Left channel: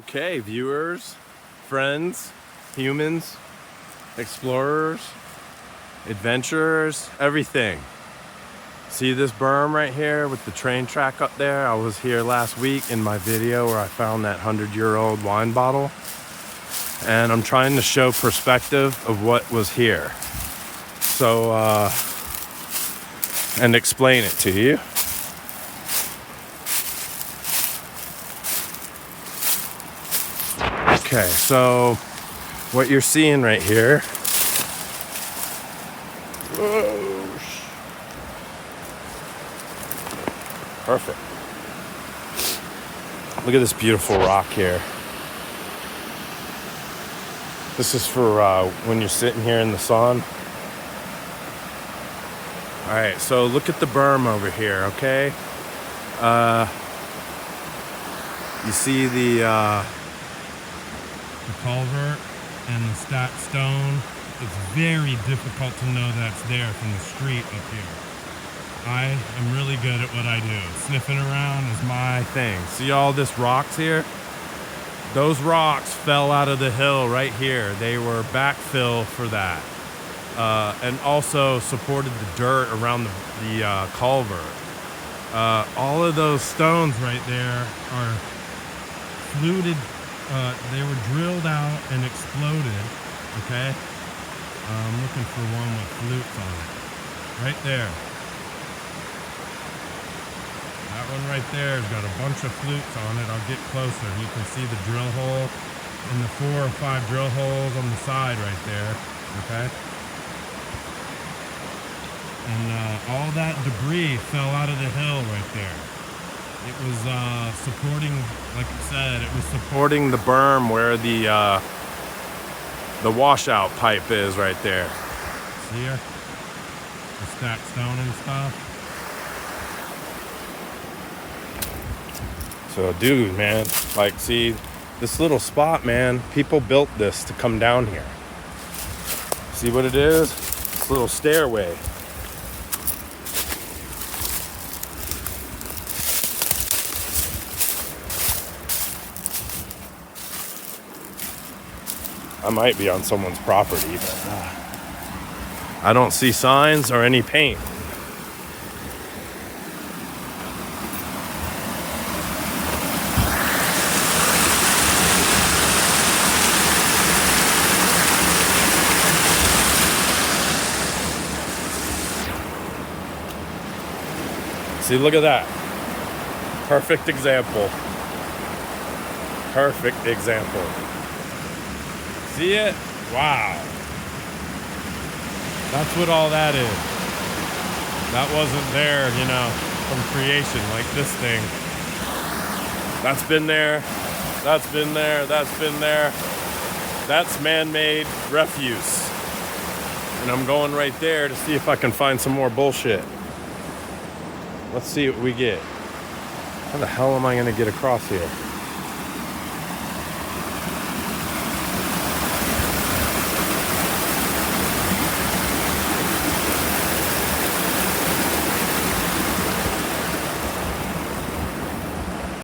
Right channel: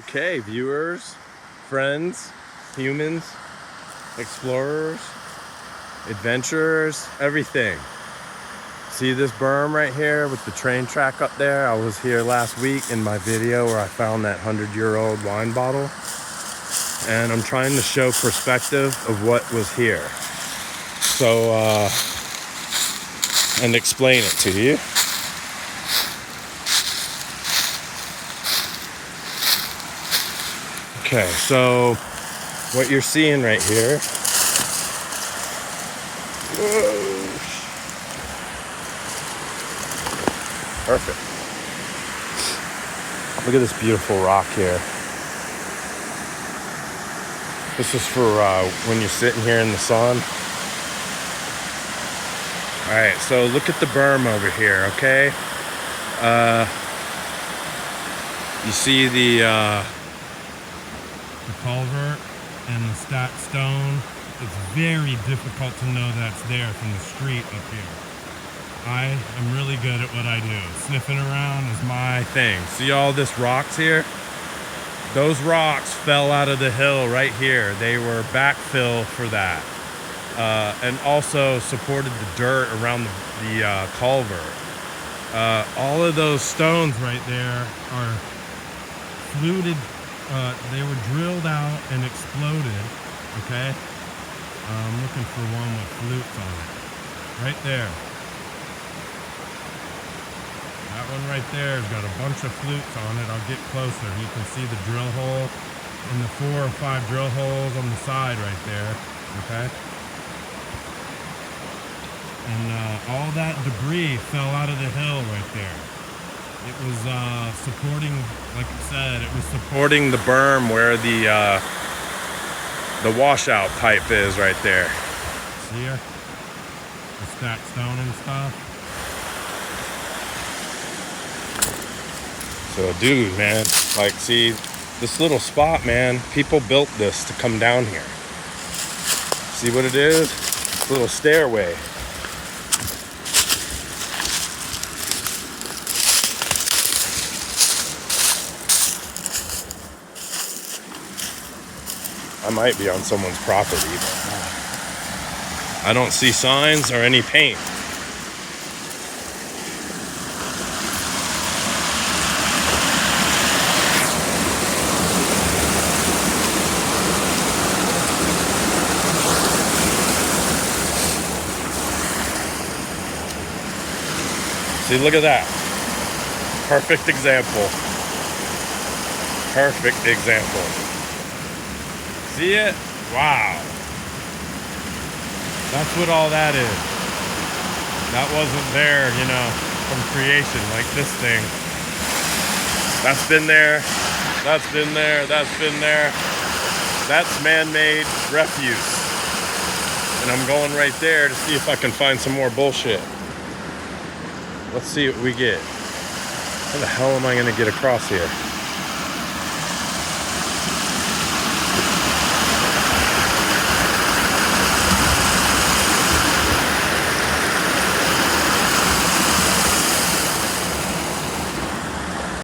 Okay, viewers, friends, humans, explorers, adventurers, everything. See this berm right here with the train track up there? I was here last week in my video where I found that 100-year-old wine bottle. And I'm trying to show perspective of what was here. So, and explain it to you. Okay, so what you're seeing right here. Whoa. Perfect. Look at this beautiful rock here. This is for when you're sitting here in the sun. All right, so look at the berm over here, okay? You see the culvert and the stacked stone. It's very difficult to know that's there from the street up here. I am really good at what I do. Sniffing around is my thing. See all this rocks here? Those rocks fell out of the hill right here. They were backfill for that. And also supported the dirt around the culvert. All of those stones right there are fluted. They were drilled out and exploded, okay? I'm looking for one with flutes on it. Right there. That one right there has got a bunch of flutes on it. I'll get closer. You can see the drill hole and the 4 or 5 drill holes on the side right there, okay? And all that debris fell out of the hill right there. It was supporting, like you said, it was supporting the berm where the washout pipe is right there. See ya? The stacked stone and stuff. So dude, man, like see, this little spot, man, people built this to come down here. See what it is? This little stairway. I might be on someone's property, but I don't see signs or any paint. See, look at that. Perfect example. Perfect example. See it? Wow. That's what all that is. That wasn't there, you know, from creation, like this thing. That's been there. That's been there. That's been there. That's man-made refuse. And I'm going right there to see if I can find some more bullshit. Let's see what we get. How the hell am I going to get across here?